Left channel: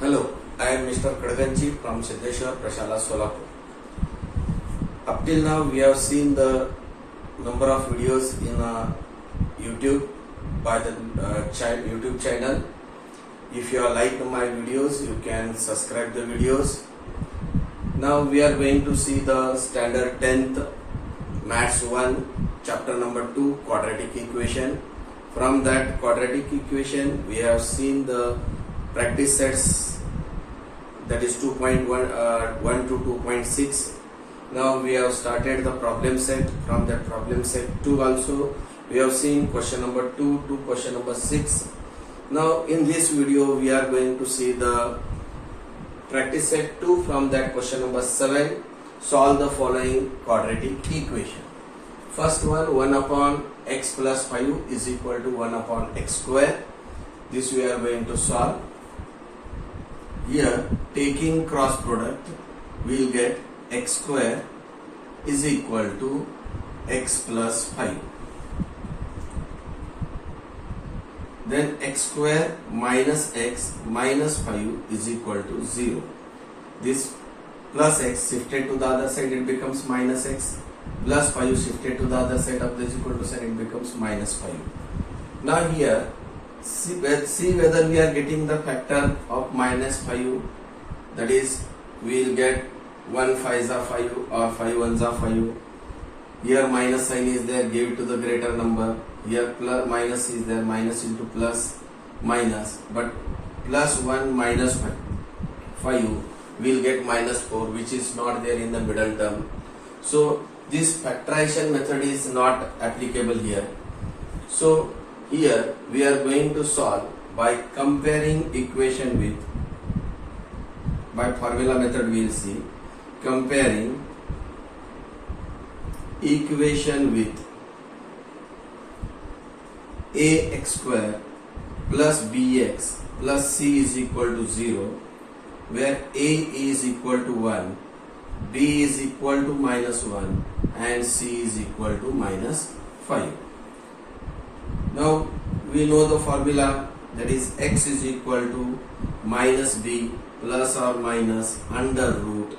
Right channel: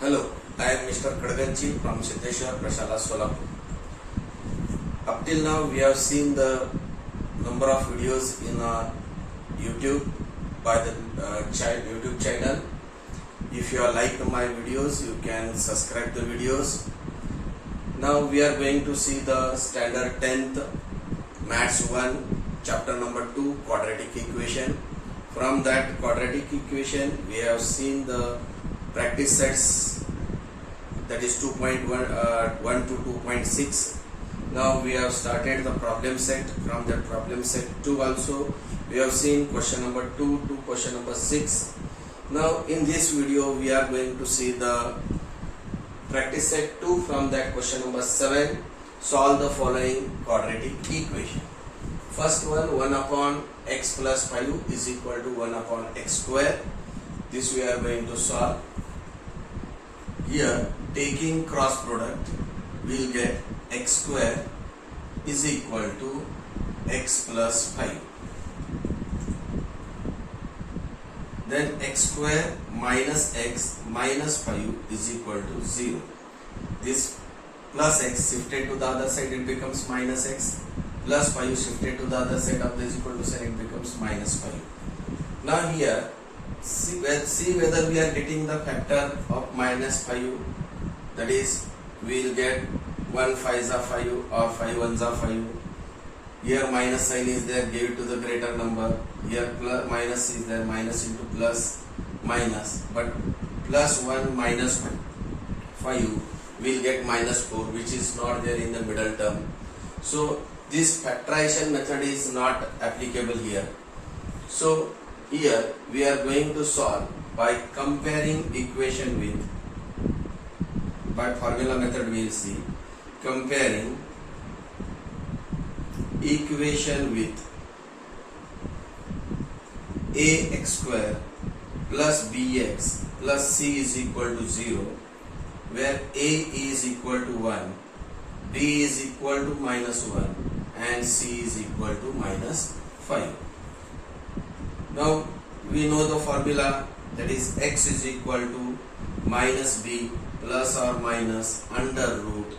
Hello, I am Mr. Kadganji from Siddheshwar Prashala, Solapur. Up till now, we have seen the number of videos in YouTube by the YouTube channel. If you like my videos, you can subscribe the videos. Now we are going to see the standard 10th Maths 1 chapter number 2 quadratic equation. From that quadratic equation, we have seen the practice sets, that is 2.1 to 2.6. Now we have started the problem set. From that problem set 2 also we have seen question number 2 to question number 6. Now in this video we are going to see the practice set 2. From that question number 7, solve the following quadratic equation. First one, 1 upon x plus 5 is equal to 1 upon x square. This we are going to solve. Here, taking cross product, we will get x square is equal to x plus 5. Then x square minus x minus 5 is equal to 0. This plus x shifted to the other side, it becomes minus x. Plus 5 shifted to the other side of this equal to sign, it becomes minus 5. Now here, see whether we are getting the factor of minus 5. That is, we will get 1 5s are 5 or 5 1s are 5. Here minus sign is there, give it to the greater number. Here plus minus is there, minus into plus minus. But plus 1 minus 5 will get minus 4, which is not there in the middle term. So this factorization method is not applicable here. So here we are going to solve by comparing equation with, by formula method we will see, comparing equation with ax square plus bx plus c is equal to 0, where a is equal to 1, b is equal to minus 1 and c is equal to minus 5. Now we know the formula, that is x is equal to minus b plus or minus under root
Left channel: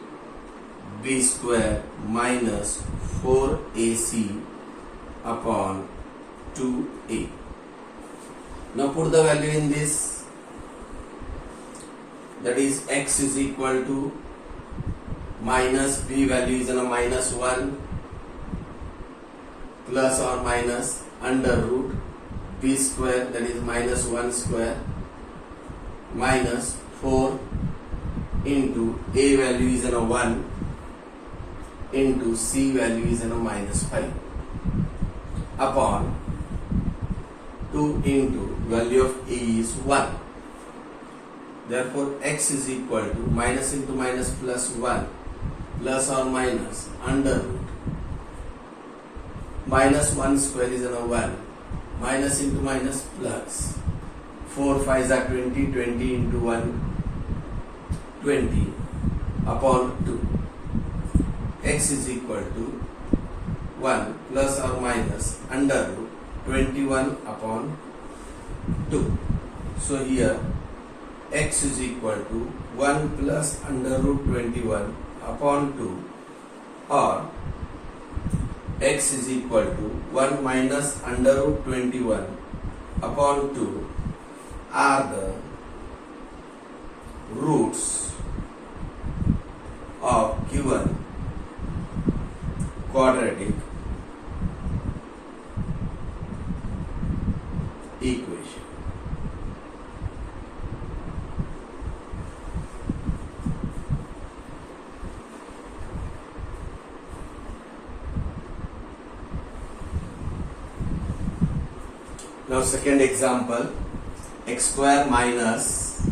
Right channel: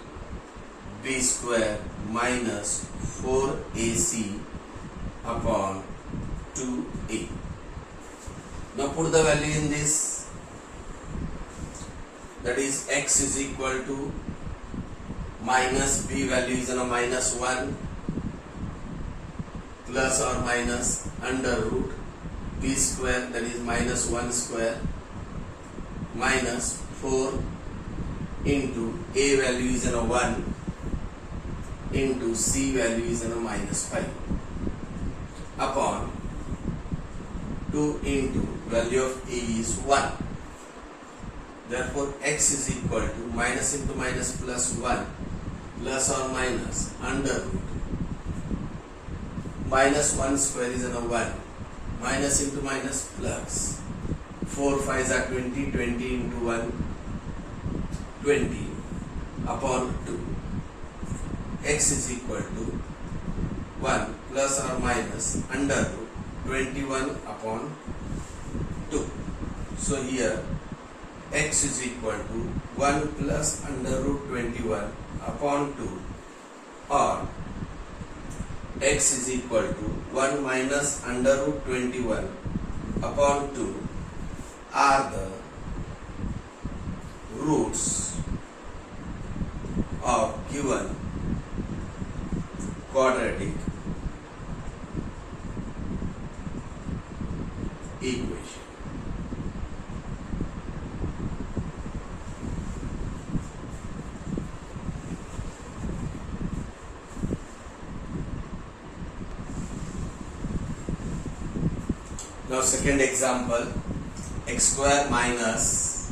b square minus 4ac upon 2a. Now put the value in this, that is x is equal to minus b value is a minus 1 plus or minus under root b square, that is minus 1 square minus 4 into a value is a 1 into c value is a minus 5 upon 2 into value of a is 1. Therefore x is equal to minus into minus plus 1 plus or minus under root minus 1 square is a 1 minus into minus plus 4 5s are 20, 20 into 1 20 upon 2. X is equal to 1 plus or minus under root 21 upon 2. So here x is equal to 1 plus under root 21 upon 2, or x is equal to 1 minus under root 21 upon 2 are the roots of given quadratic equation. Now second example, x square minus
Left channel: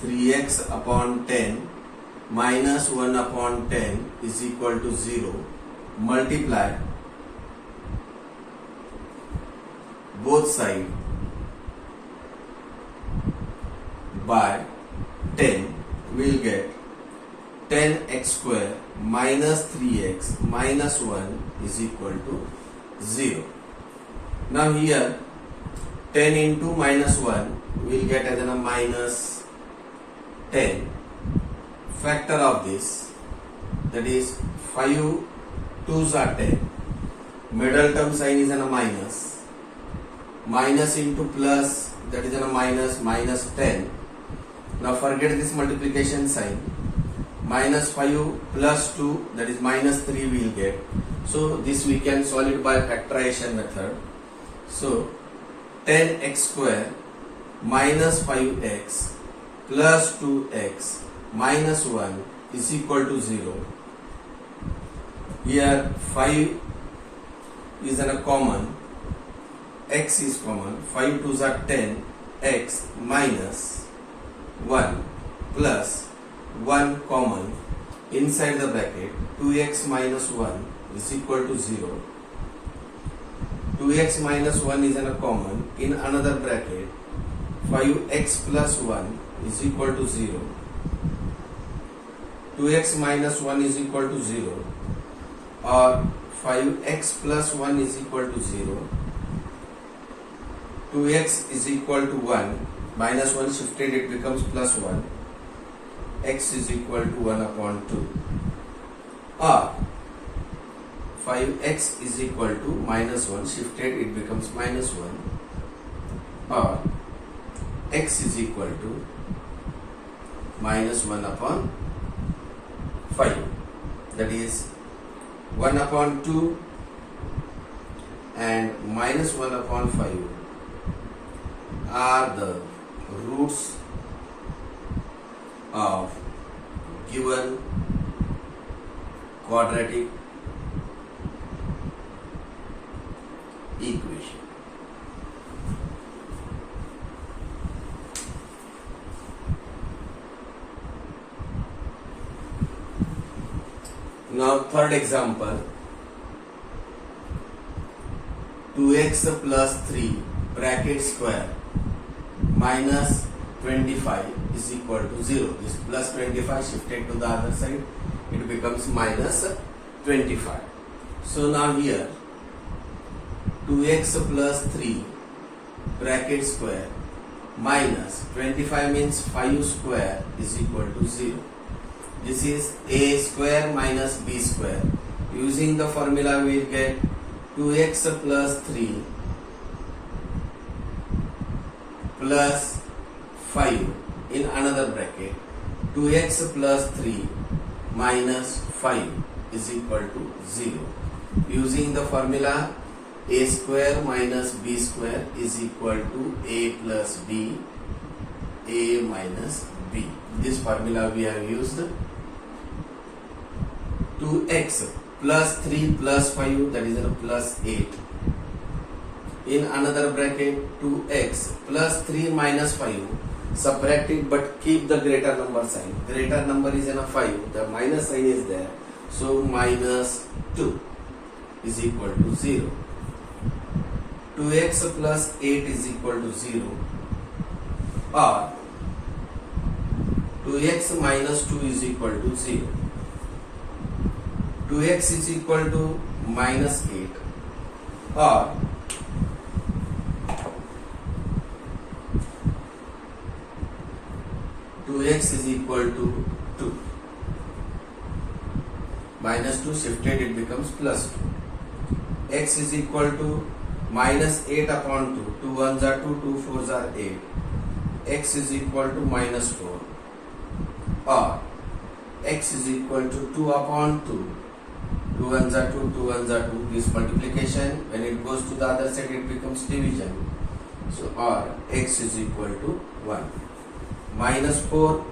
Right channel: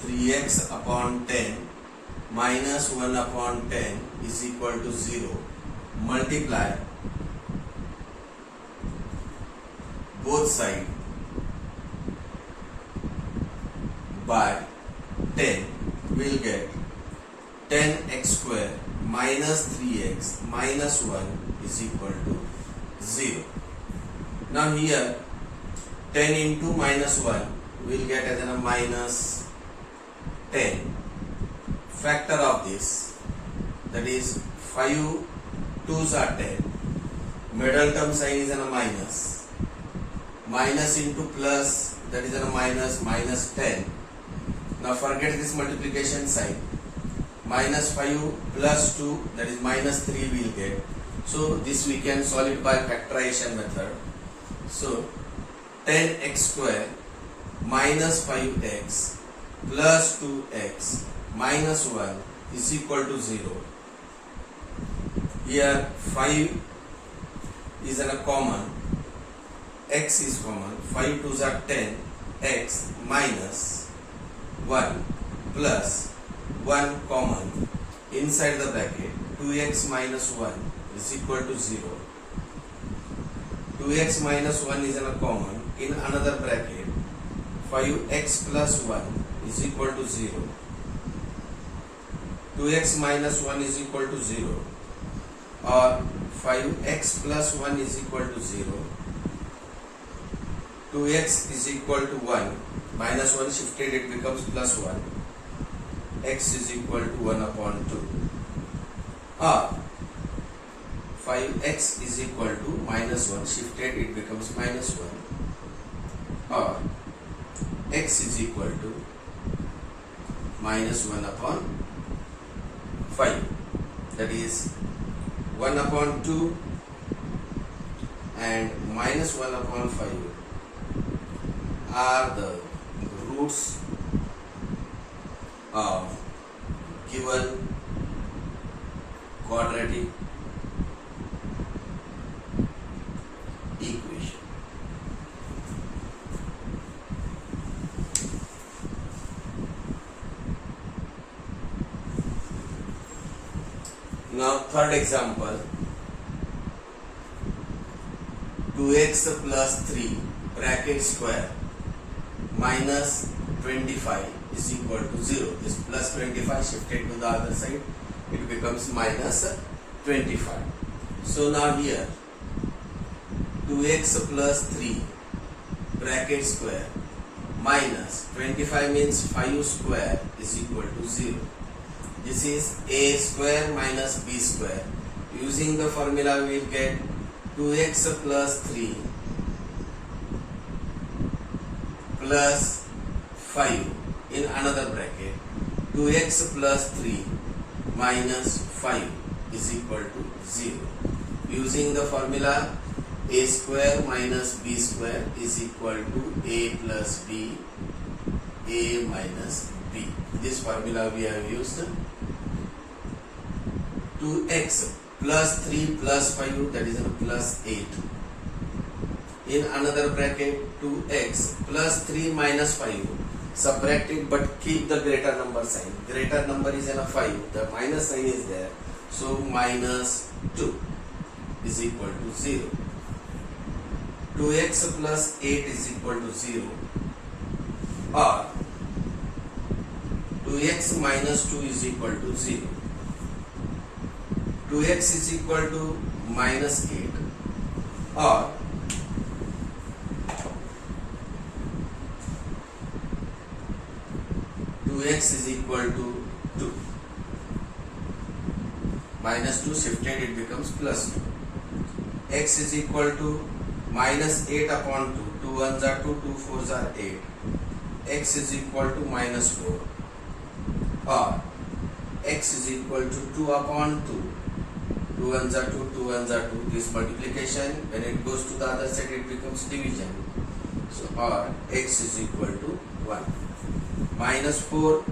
3x upon 10 minus 1 upon 10 is equal to 0. Multiply both sides by 10, will get 10x square minus 3x minus 1 is equal to 0. Now here 10 into minus 1 we'll get as a minus 10. Factor of this, that is 5 2s are 10. Middle term sign is a minus. Minus into plus, that is a minus 10. Now forget this multiplication sign. Minus 5 plus 2, that is minus 3 we'll get. So this we can solve it by factorization method. So 10x square minus 5x plus 2x minus 1 is equal to 0. Here 5 is a common, x is common, 5 2s are 10, x minus 1 plus 1 common, inside the bracket 2x minus 1 is equal to 0. 2x minus 1 is a common, in another bracket 5x plus 1 is equal to 0. 2x minus 1 is equal to 0, or 5x plus 1 is equal to 0. 2x is equal to 1, minus 1 shifted, it becomes plus 1. X is equal to 1 upon 2, or 5x is equal to minus 1 shifted, it becomes minus 1, or x is equal to minus 1 upon 5, that is 1 upon 2 and minus 1 upon 5 are the roots of given quadratic equation. Now third example, 2x plus 3 bracket square minus 25 is equal to 0. This plus 25 shifted to the other side, it becomes minus 25. So now here 2x plus 3 bracket square minus 25 means 5 square is equal to 0. This is a square minus b square. Using the formula we will get 2x plus 3 plus 5 in another bracket, 2x plus 3 minus 5 is equal to 0. Using the formula a square minus b square is equal to a plus b, a minus b. This formula we have used. 2x plus 3 plus 5, that is a plus 8. In another bracket 2x plus 3 minus 5, subtract it but keep the greater number sign. Greater number is in a 5, the minus sign is there, so minus 2 is equal to 0. 2x plus 8 is equal to 0, or 2x minus 2 is equal to 0. 2x is equal to minus 8, or 2x is equal to 2. Minus 2 shifted, it becomes plus 2. X is equal to minus 8 upon 2. 2 1s are 2, 2 4s are 8. X is equal to minus 4. Or x is equal to 2 upon 2. 2 1s are 2, 2 1s are 2. This multiplication, when it goes to the other side, it becomes division. So, or x is equal to 1. Minus 4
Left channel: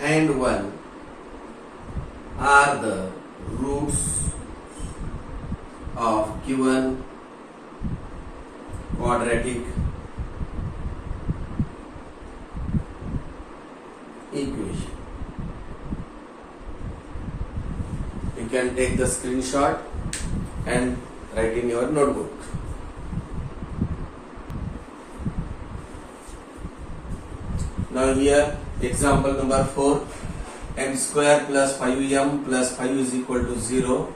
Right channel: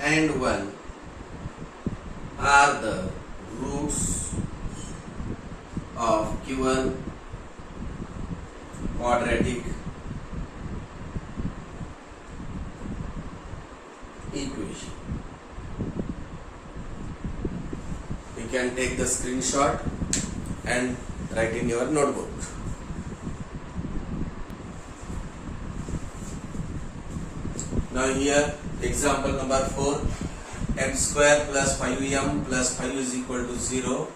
and 1 are the roots of given quadratic equation. You can take the screenshot and write in your notebook. Now here example number 4, m square plus 5m plus 5 is equal to 0.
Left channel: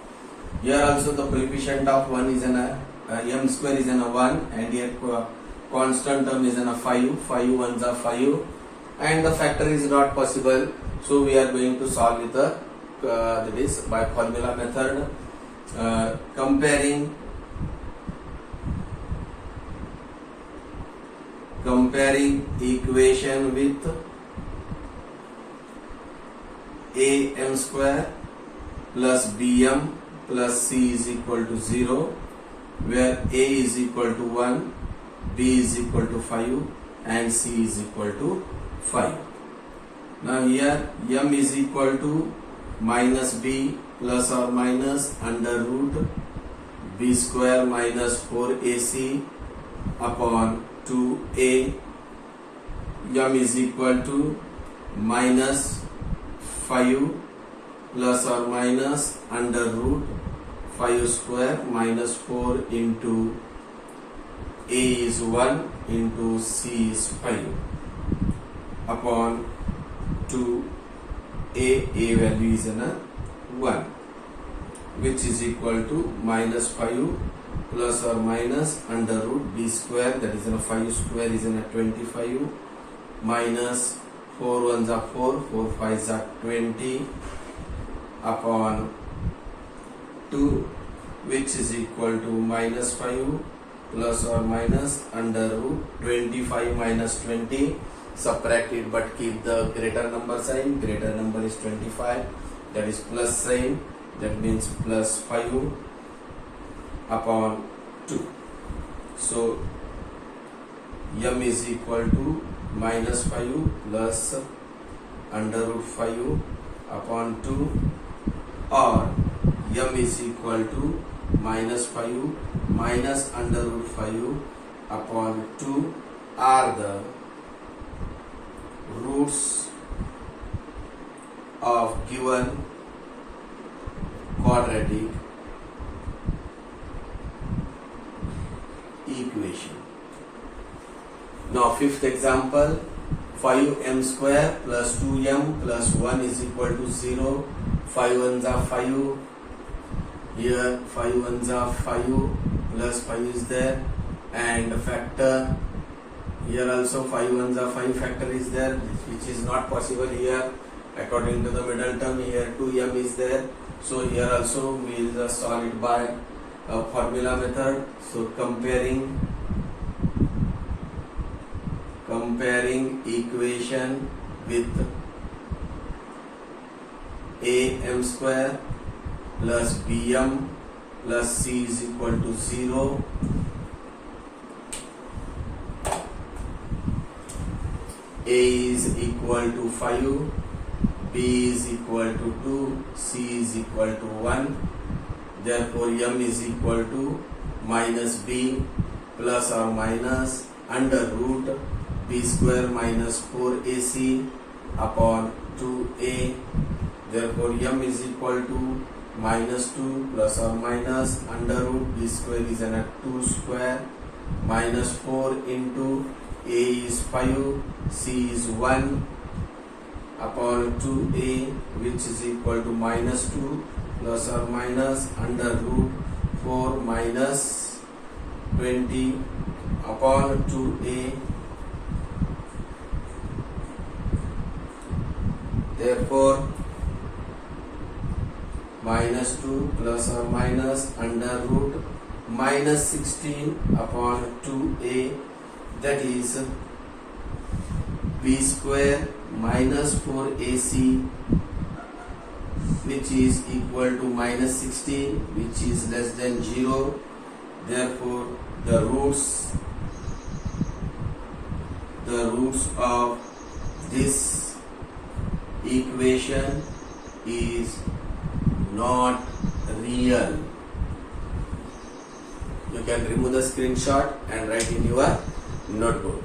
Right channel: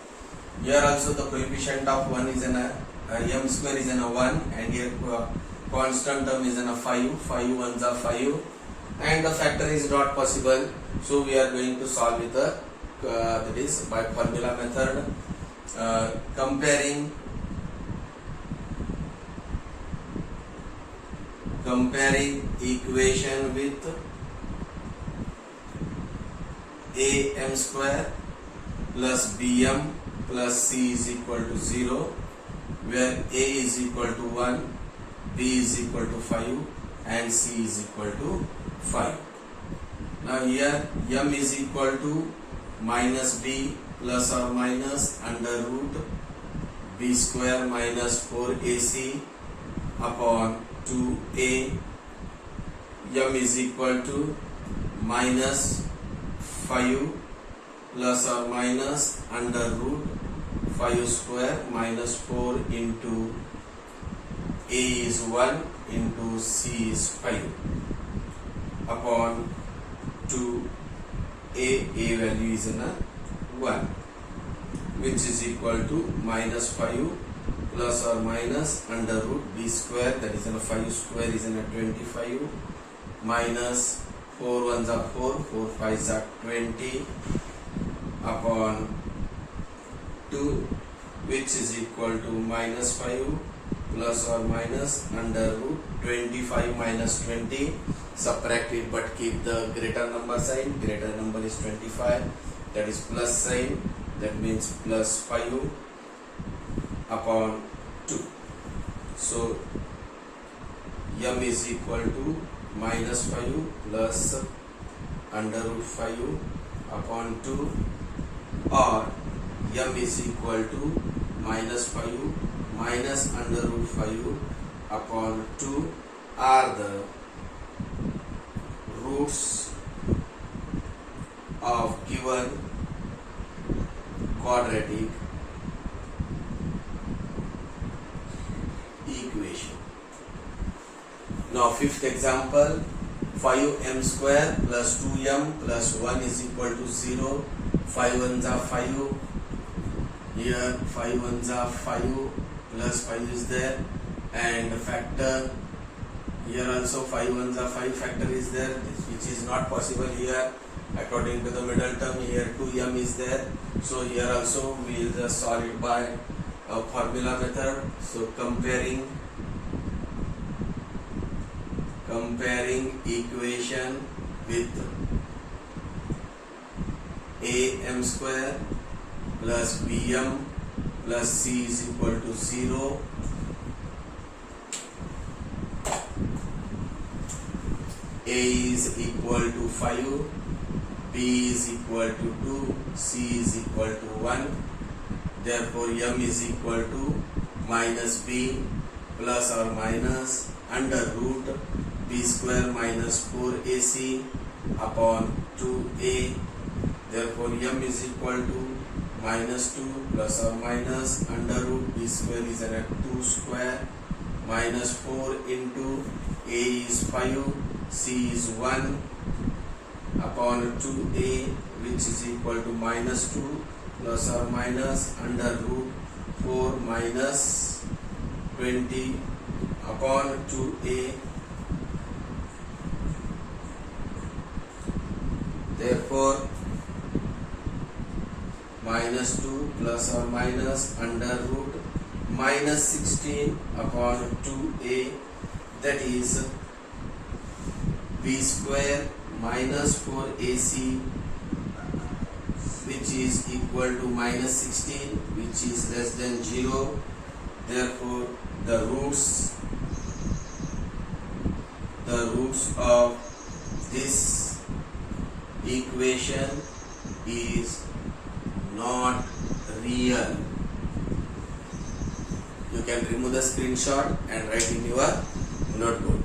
Here also the coefficient of 1 is an m square is an 1 and here constant term is a 5, 5 ones are 5, and the factor is not possible, so we are going to solve with that is by formula method, comparing equation with am square plus bm plus c is equal to 0, where a is equal to 1, b is equal to 5 and c is equal to 5. Now here m is equal to minus b plus or minus under root b square minus 4ac upon 2a. M is equal to minus 5 plus or minus under root 5 square minus 4 into a is 1 into c is 5 upon 2a value is 1, which is equal to minus 5 plus or minus under root b square, that is 5 square is 25 minus 4 ones are 4, 4 5s are 20 upon 2, which is equal to minus 5 plus or minus under root 25 minus 20. Subtract it but keep the greater number sign. Greater number is 25, that is plus sign, that means plus 5 upon 2. So m is equal to minus 5 plus under root 5 upon 2, or m is equal to minus 5 minus under root 5 upon 2 are the roots of given quadratic equation. Now fifth example, 5m square plus 2m plus 1 is equal to 0. 5 ones are 5, here 5 ones are 5 plus 5 is there, and factor here also 5 ones are 5, factor is there, which is not possible here according to the middle term. Here 2m is there, so here also we will just solve it by a formula method. So comparing equation with am square plus bm plus c is equal to 0. A is equal to 5, b is equal to 2, c is equal to 1. Therefore m is equal to minus b plus or minus under root b square minus 4ac upon 2a. Therefore m is equal to minus 2 plus or minus under root b square is 2 square minus 4 into a is 5, c is 1 upon 2a, which is equal to minus 2 plus or minus under root 4 minus 20 upon 2a. Therefore minus 2 plus or minus under root minus 16 upon 2a, that is b square minus 4ac, which is equal to minus 16, which is less than 0. Therefore the roots of this equation is not real. You can remove the screenshot and write in your notebook.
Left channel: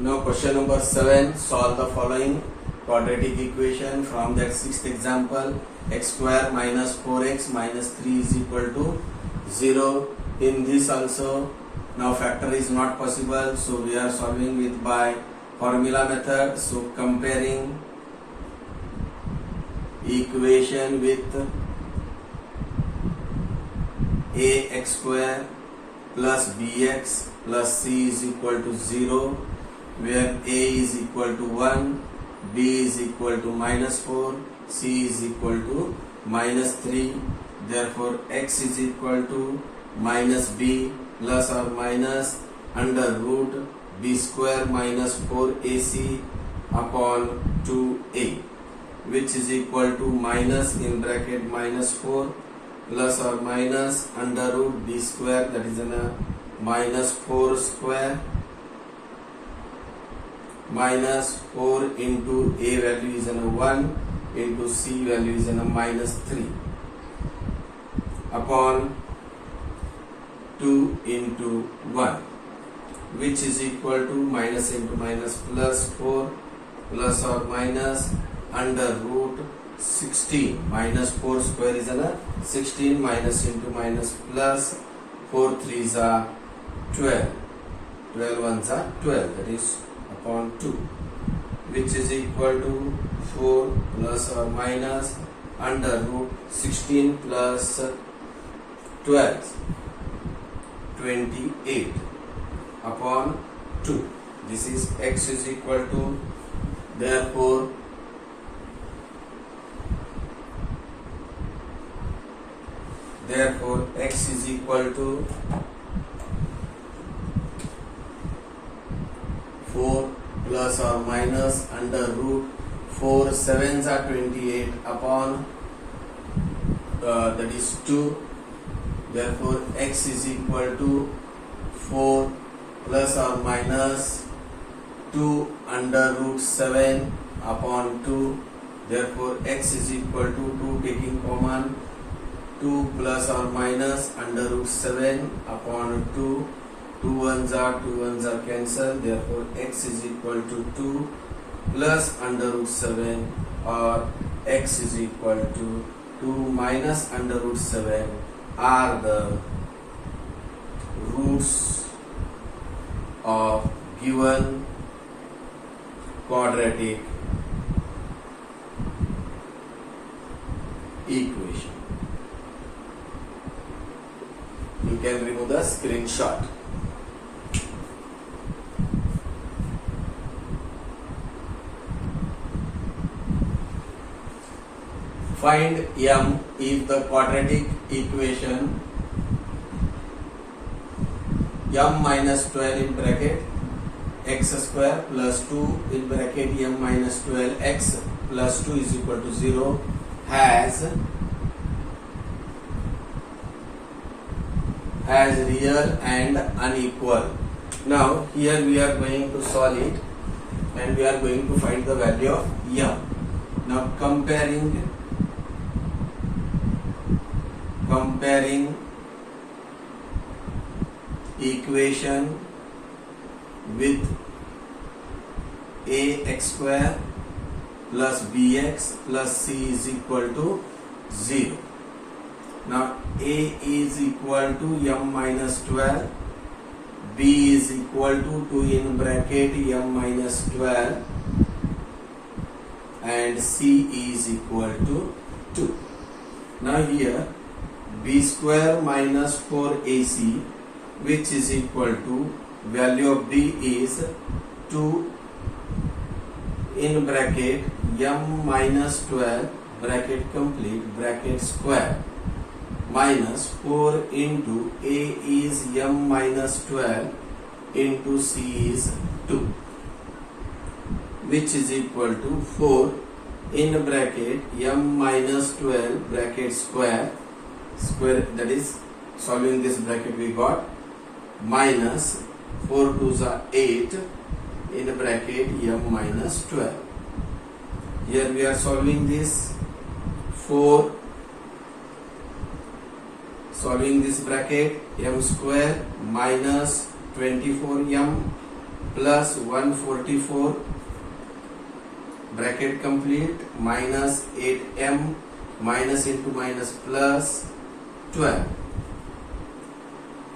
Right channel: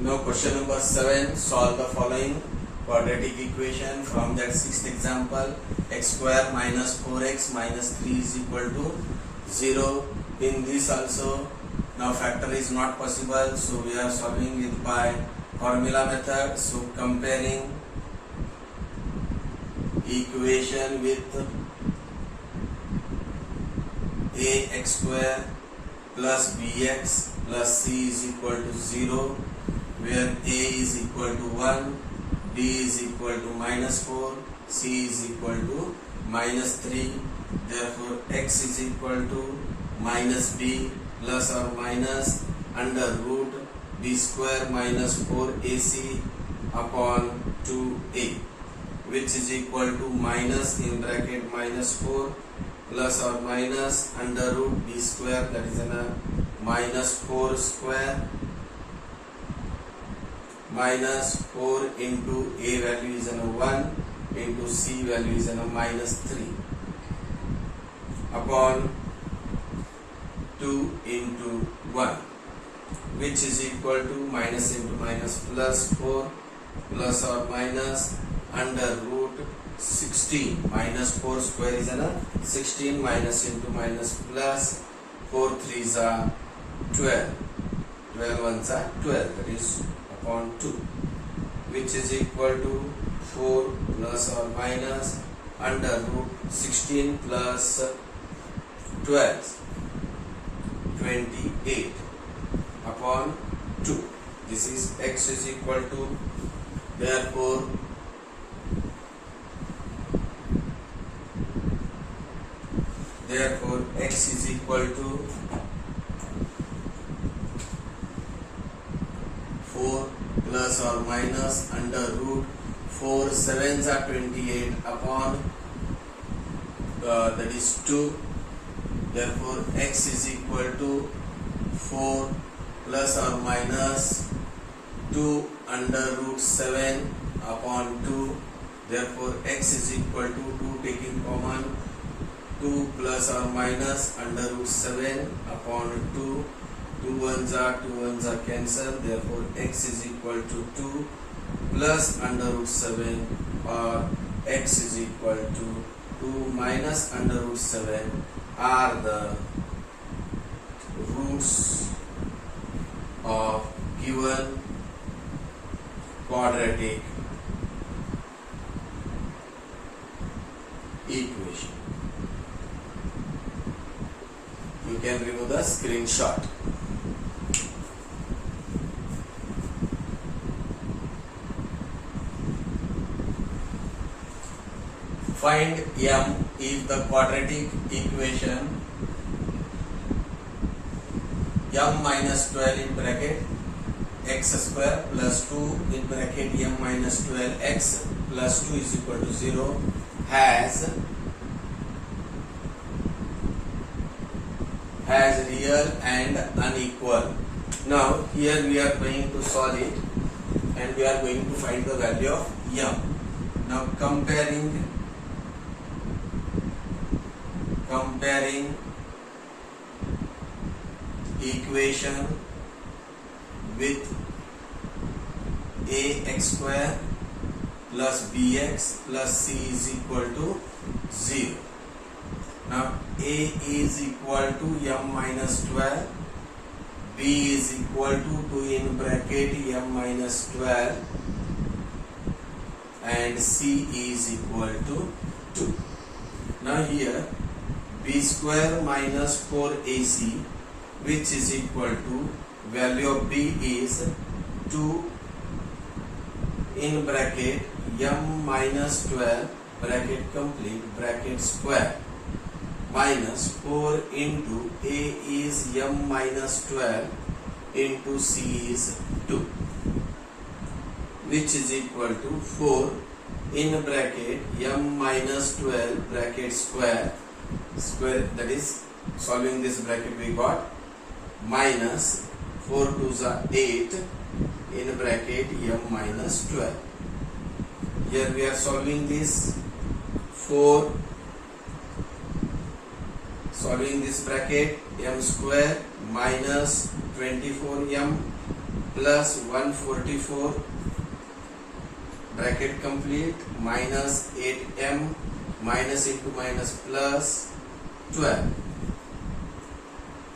Now question number 7, solve the following quadratic equation from that sixth example. X square minus 4x minus 3 is equal to 0. In this also now factor is not possible, so we are solving it by formula method. So comparing equation with ax square plus bx plus c is equal to 0, where a is equal to 1, b is equal to -4, c is equal to -3. Therefore x is equal to minus b plus or minus under root b square minus 4ac upon 2a, which is equal to minus in bracket -4 plus or minus under root b square, that is in a -4 square minus 4 into a value is in a 1 into c value is in a -3 upon 2 into 1, which is equal to minus into minus plus 4 plus or minus under root 16, minus 4 square is a 16 minus into minus plus 4 3s are 12, 12 ones are 12, that is upon 2, which is equal to 4 plus or minus under root 16 plus 12, 28 upon 2. This is x is equal to, therefore x is equal to 4 plus or minus under root 4 7s are 28 upon that is 2. Therefore x is equal to 4 plus or minus 2 under root 7 upon 2. Therefore x is equal to 2 taking common, 2 plus or minus under root 7 upon 2. 2 ones are cancelled. Therefore x is equal to 2 plus under root 7, or x is equal to 2 minus under root 7 are the roots of given quadratic equation. You can remove the screenshot. Find m if the quadratic equation m minus 12 in bracket x square plus 2 in bracket m minus 12 x plus 2 is equal to 0 has real and unequal. Now here we are going to solve it and we are going to find the value of m. Now comparing equation with ax square plus bx plus c is equal to 0. Now a is equal to m minus 12, b is equal to 2 in bracket m minus 12, and c is equal to 2. Now here b square minus 4ac, which is equal to value of b is 2 in bracket m minus 12 bracket complete bracket square minus 4 into a is m minus 12 into c is 2, which is equal to 4 in bracket m minus 12 bracket square, that is solving this bracket we got minus 4 2s are 8 in bracket m minus 12. Here we are solving this 4, solving this bracket m square minus 24m plus 144 bracket complete minus 8m minus into minus plus 12,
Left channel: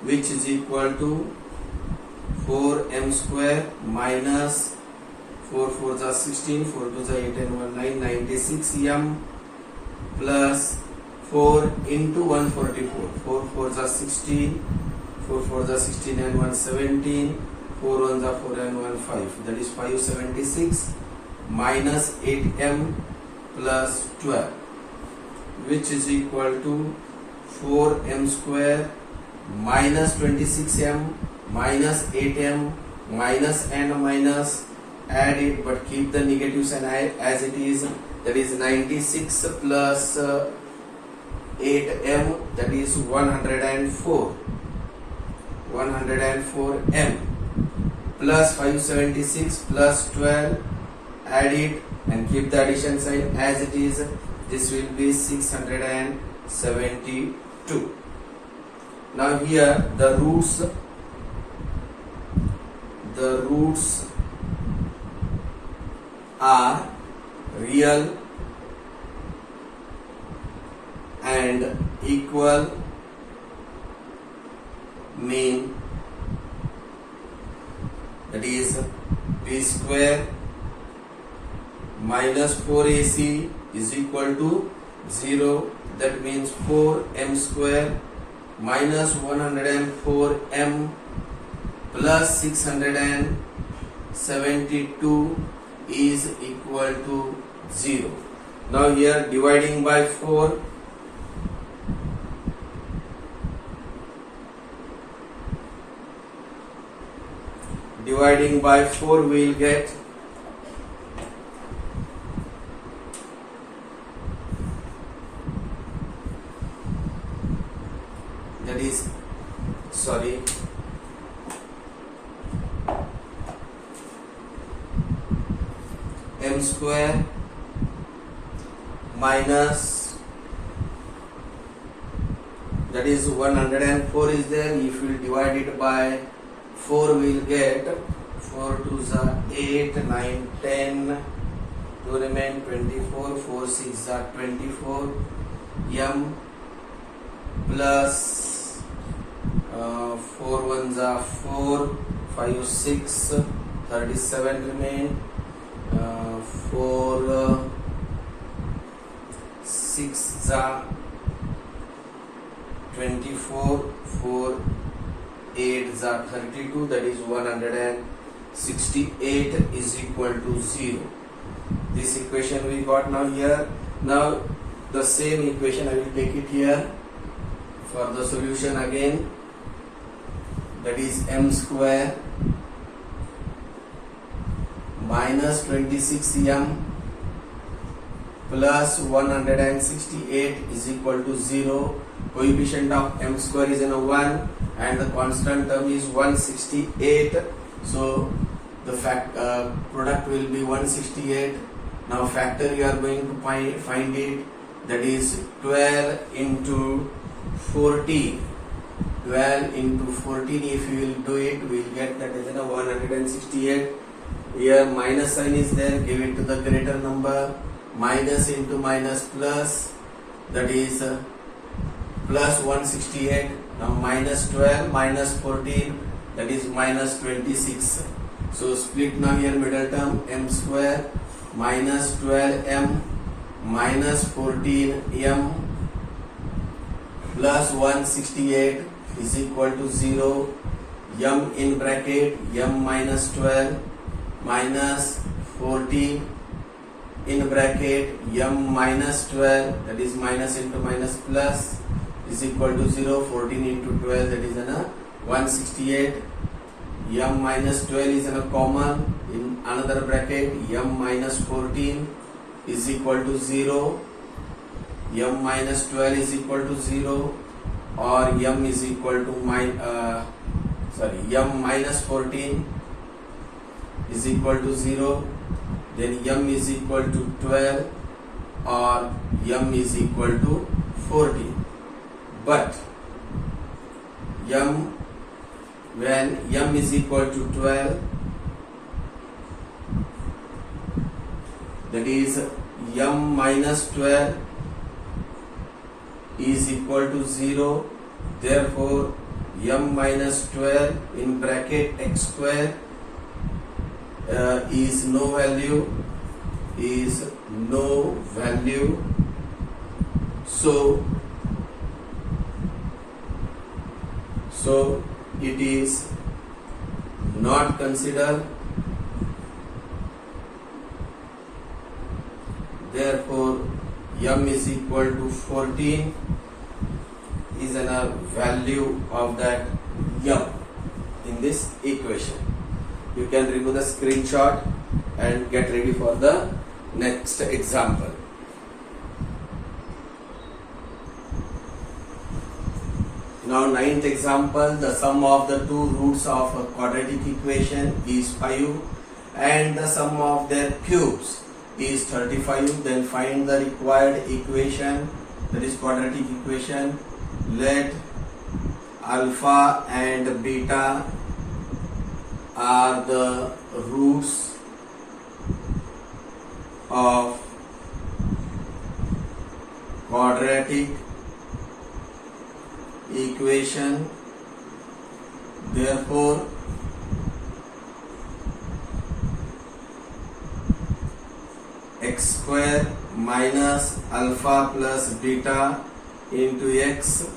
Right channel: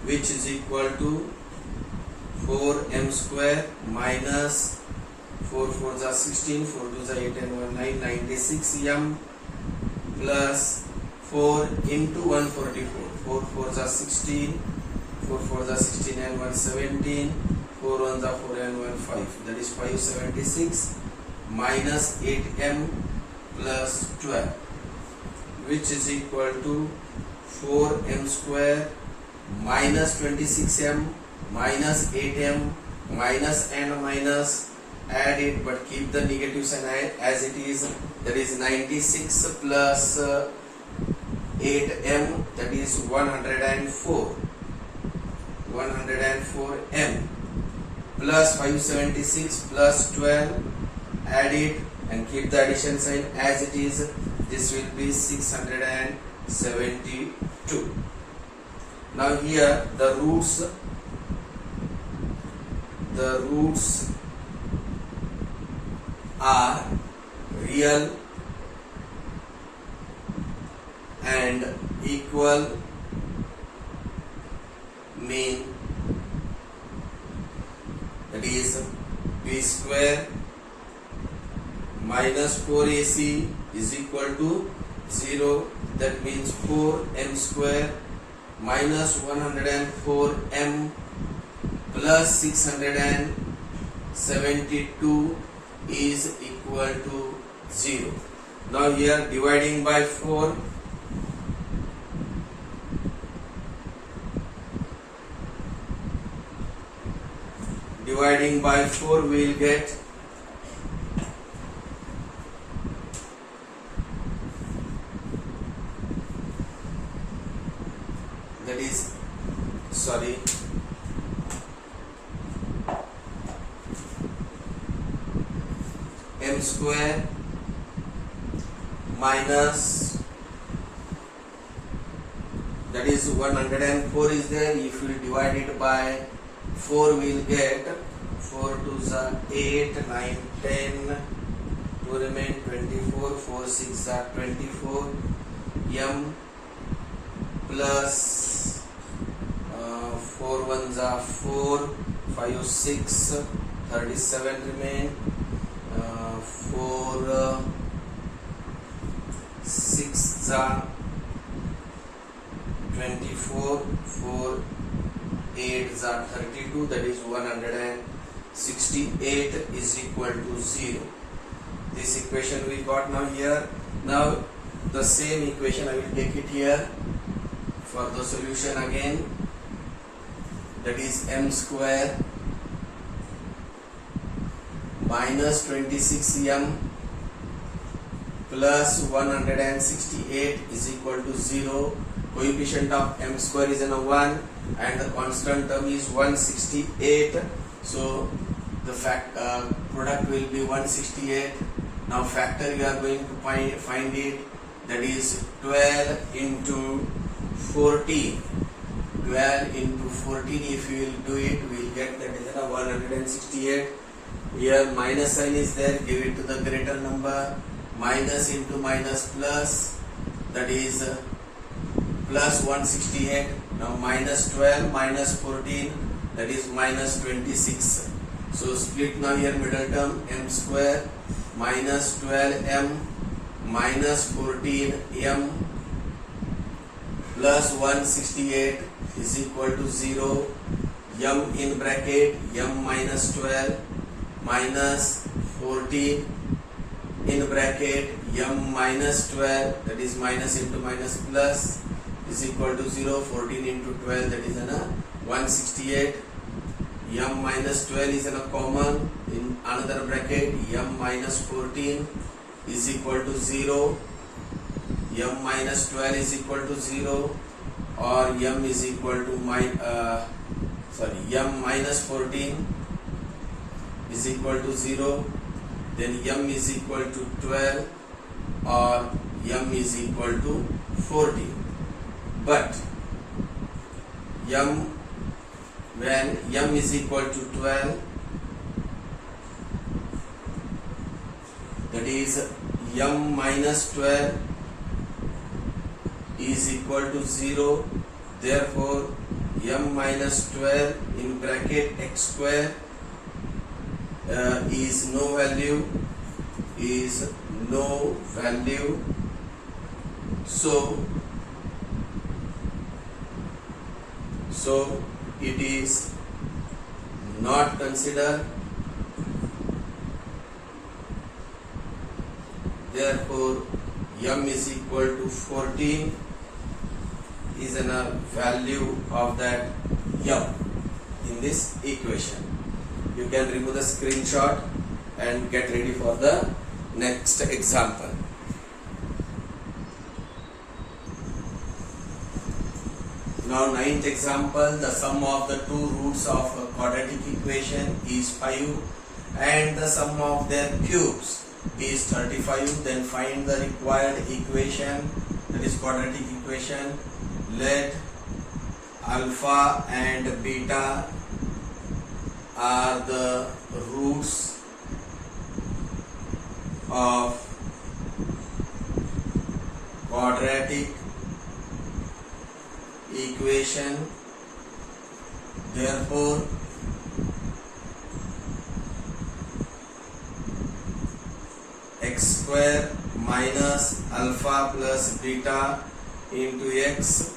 which is equal to 4m square minus 4 4s are 16, 4 2s are 8 and 1 9, 96m plus 4 into 144. 4 4s are 16. 4 4s are 16 and 1 17. 4 1s are 4 and 1 5. That is 576 minus 8m plus 12, which is equal to 4m square minus 26m minus 8m minus n minus, add it but keep the negative sign as it is, that is 96 plus 8m, that is 104 104m plus 576 plus 12, add it and keep the addition sign as it is. This will be 672. Now here the roots are real and equal, mean that is b square minus 4ac is equal to 0. That means 4m square minus 104m plus 672 is equal to 0. Now here dividing by 4, we will get that is m square minus, that is 104 is there. If you divide it by 4, we will get 4 2s are 8, 9, 10, 2 remain 24, 4 6 are 24, m plus 4 1s are 4, 5 6, 37 remain, 4 6 are 24, 4 8 are 32, that is 168 is equal to 0. This equation we got now here. Now the same equation I will take it here for the solution again, that is m square minus 26m plus 168 is equal to 0. Coefficient of m square is 1 and the constant term is 168, so the product will be 168. Now factor you are going to find it, that is 12 into 14. 12 into 14, if you will do it, we will get that is 168. Here minus sign is there, give it to the greater number. Minus into minus plus, that is plus 168. Now minus 12 minus 14, that is minus 26. So split now here middle term, m square minus 12m minus 14m plus 168 is equal to 0. M in bracket, m minus 12 minus 14 in bracket, m minus 12, that is minus into minus plus, is equal to 0. 14 into 12, that is 168. M minus 12 is common in another bracket, m minus 14 is equal to 0. M minus 12 is equal to 0, or m is equal to m minus 14 is equal to 0, then m is equal to 12 or m is equal to 14. But when m is equal to 12, that is m minus 12 is equal to 0. Therefore m minus 12 in bracket x square is no value. So So it is not considered. Therefore, m is equal to 14 is a value of that m in this equation. You can remove the screenshot and get ready for the next example. Now, ninth example, the sum of the two roots of a quadratic equation is 5 and the sum of their cubes is 35. Then find the required equation, that is quadratic equation. Let alpha and beta are the roots of quadratic equation. Therefore, x square minus alpha plus beta into x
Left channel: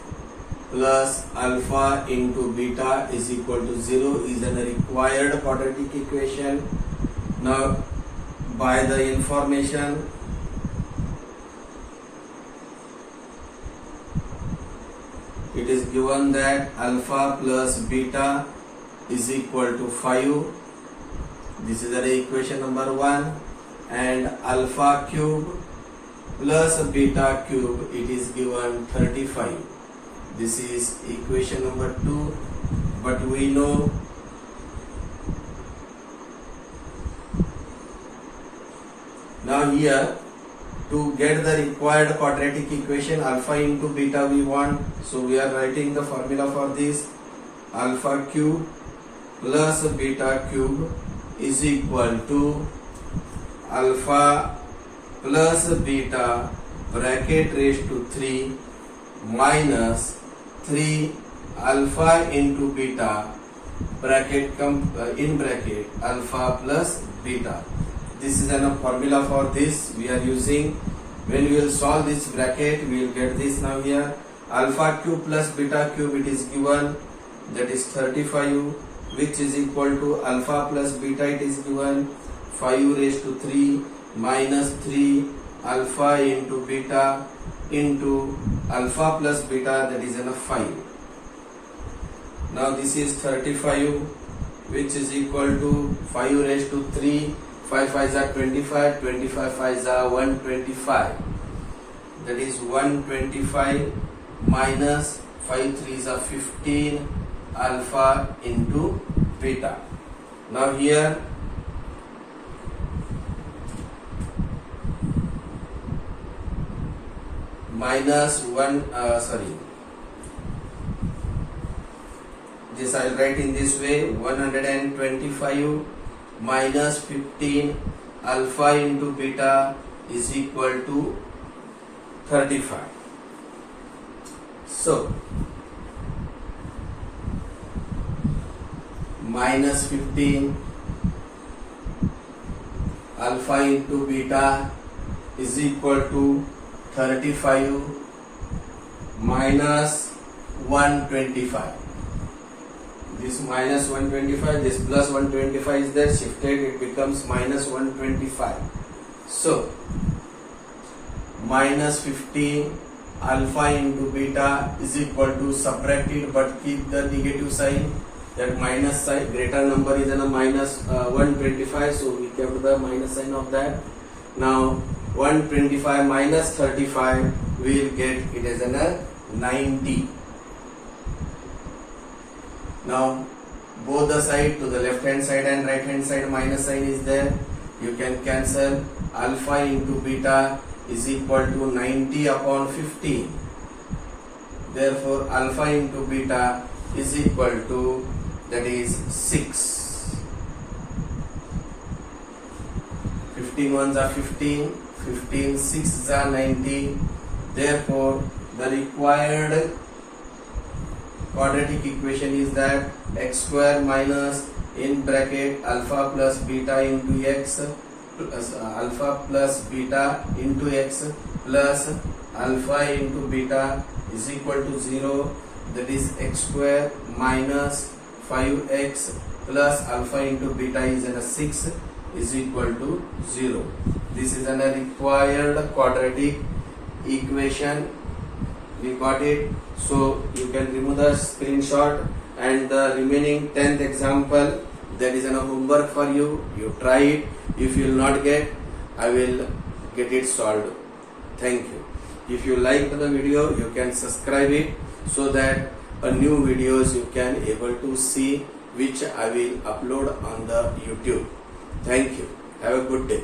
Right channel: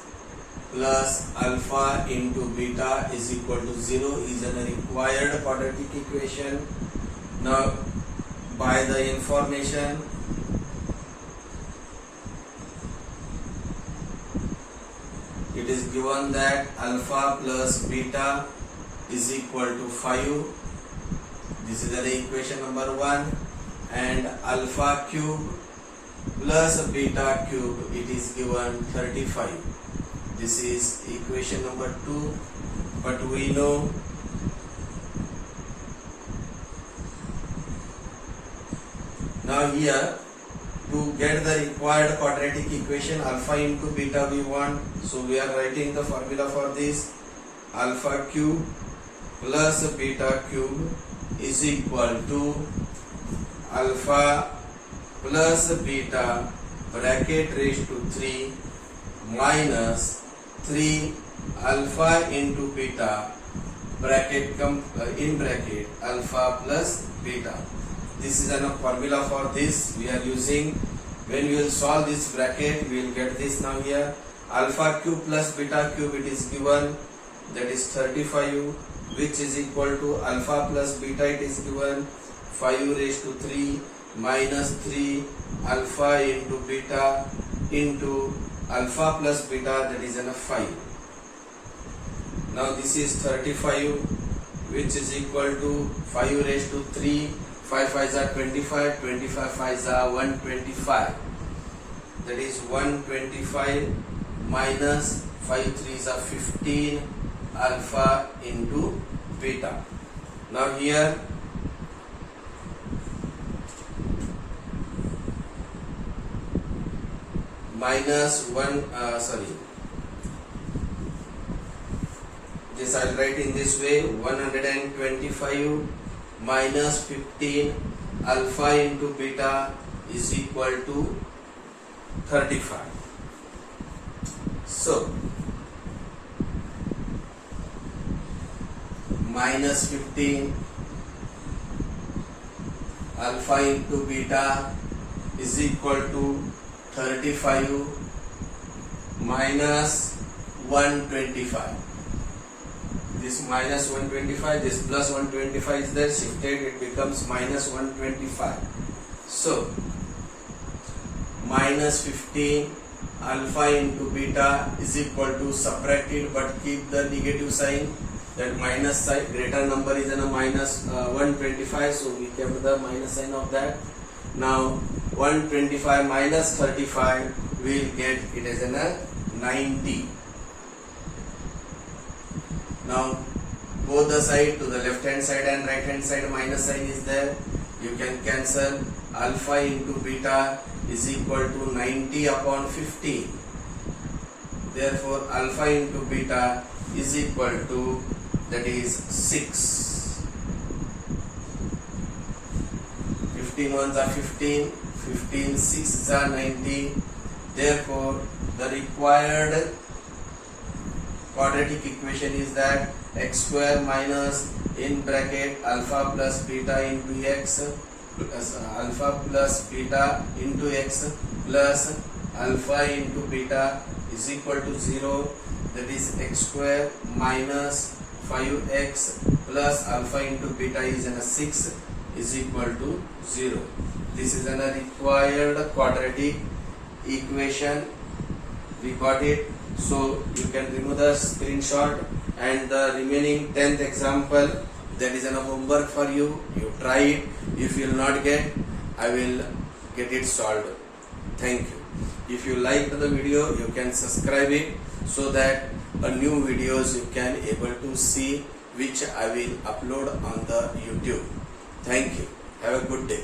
plus alpha into beta is equal to 0 is a required quadratic equation. Now, by the information it is given that alpha plus beta is equal to 5. This is the equation number 1. And alpha cube plus beta cube, it is given 35. This is equation number 2. But we know now here, to get the required quadratic equation, alpha into beta we want. So we are writing the formula for this. Alpha cube plus beta cube is equal to alpha plus beta bracket raised to 3 minus 3 alpha into beta bracket in bracket alpha plus beta. This is a formula for this we are using. When we will solve this bracket, we will get this now here. Alpha cube plus beta cube, it is given, that is 35, which is equal to alpha plus beta, it is given 5 raised to 3 minus 3 alpha into beta into alpha plus beta, that is 5. Now this is 35, which is equal to 5 raised to 3, 5 5s are 25, 25 5s are 125. That is 125 minus 5 3s are 15 alpha into beta. Now here minus 1, this I will write in this way, 125 minus 15 alpha into beta is equal to 35. So minus 15 alpha into beta is equal to 35 minus 125. This minus 125, this plus 125 is there, shifted, it becomes minus 125. So minus 15 alpha into beta is equal to, subtracted but keep the negative sign, that minus sign, greater number is in a minus 125, so we kept the minus sign of that. Now 125 minus 35, we will get it as a 90. Now both the side, to the left hand side and right hand side, minus sign is there. You can cancel. Alpha into beta is equal to 90 upon 15. Therefore alpha into beta is equal to, that is 6. 15 ones are 15, 15 6s are 90. Therefore the required quadratic equation is that x square minus in bracket alpha plus beta into x plus alpha plus beta into x plus alpha into beta is equal to 0. that is x square minus 5x plus alpha into beta is in a 6 is equal to 0. This is a required quadratic equation. We got it. So you can remove the screenshot, and the remaining 10th example, that is a homework for you. You try it. If you will not get, I will get it solved. Thank you. If you like the video, you can subscribe it so that a new videos you can able to see, which I will upload on the YouTube. Thank you. Have a good day.